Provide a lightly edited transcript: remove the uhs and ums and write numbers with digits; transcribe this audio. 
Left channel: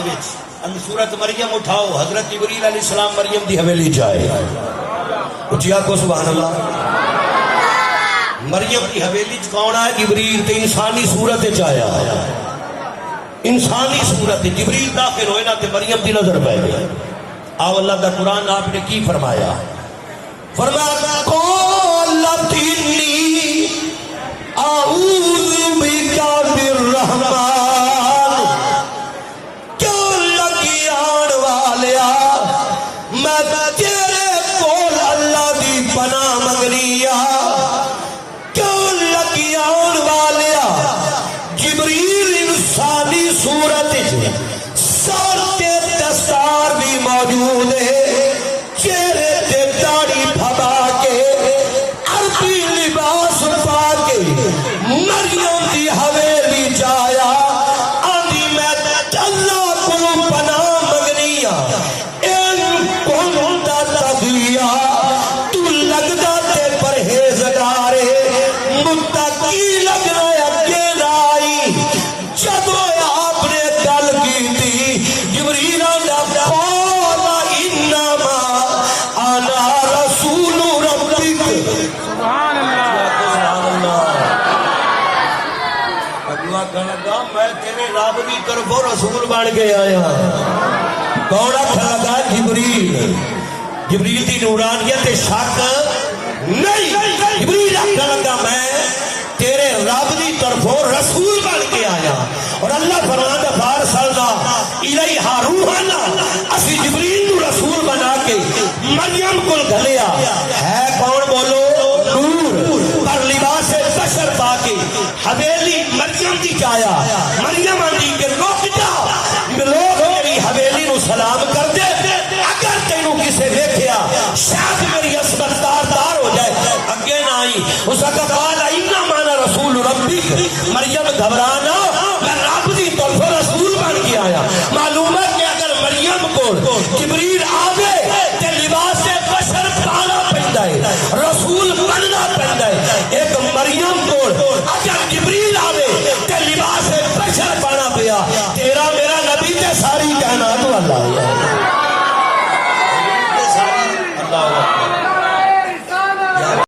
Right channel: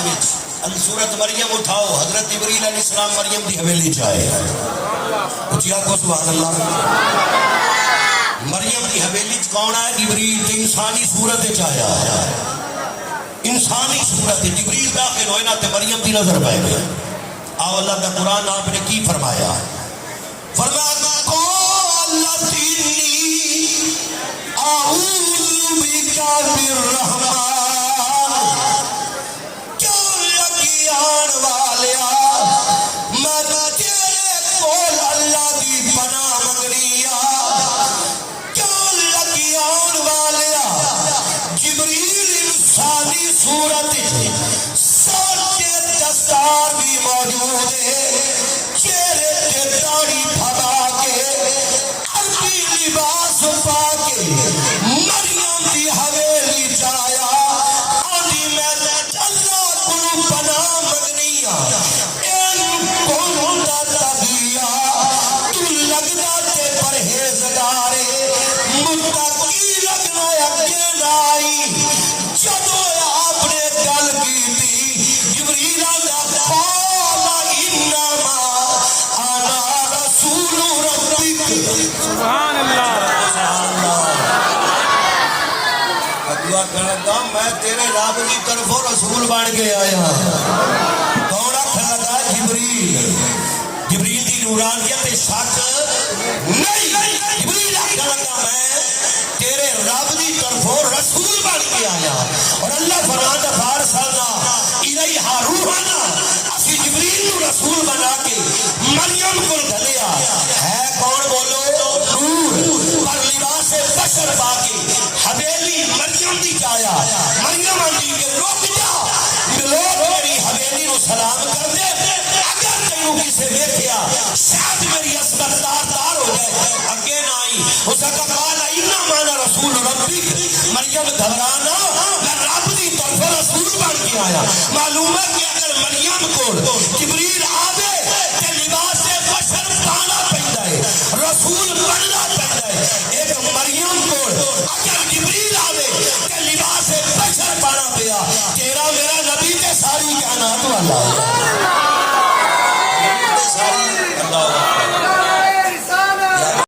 سورت مریم اٹھاؤ، حضرت جبریل علیہ السلام مریم دی حویلی جائے. اچھا کو سبحان اللہ. مریم دی حویلی کون ہے؟ جبریل. تے انسانی صورت آیا، انسانی صورت. جبریل داخل ہوئے نا تے مریم دی نظر پہ گئی. آو اللہ کا قرآن آپ نے کی فرمایا؟ فرمایا قالت انی اعوذ بک بالرحمن. کیوں لگی آن والیا میں تیرے کول اللہ دی پناہ منگنی آ. کیوں لگی آن والیا جبریل انسانی صورت سر تے دستار بھی موجود ہے، چہرے تے داڑھی پھگا کے عربی لباس پا کے مریم دی حویلی جایا. آدھی میں اللہ کو پناہ منگنی آ. این کنتا تغیا تو لگدا تے پرہیزگارے متقی لگنا اگے لائی. جب آپ نے گل کی تھی جبریل نے قال انما انا رسول ربک. سبحان اللہ. دعا کرنا گا میں تیرے رب کی طرفوں رسول بن کے آیا ہوں. کون آخر لگا؟ جبریل. جبریل کی نورانیت شک نہیں. جبریل آخر لگا میں تیرے رب کی طرفوں رسول بن کے آیا. اور اللہ فرماتا ہے فارسلنا الیہا روحنا، اسی جبریل کو رسول بنا کے مریم کو گھلیا. ہے کون بولو؟ نور. پر لباس بشر پا کے حویلی مریم دی جایا. مریم آنی کہ رک جا، لوگ میری حویلی نو سلام کر دے. اگر تینوں کسے دیکھیا شاید میری عصمت تار ہو جائے. اگے نہ آئی. اس کا قال انما انا رسول ربک. مریم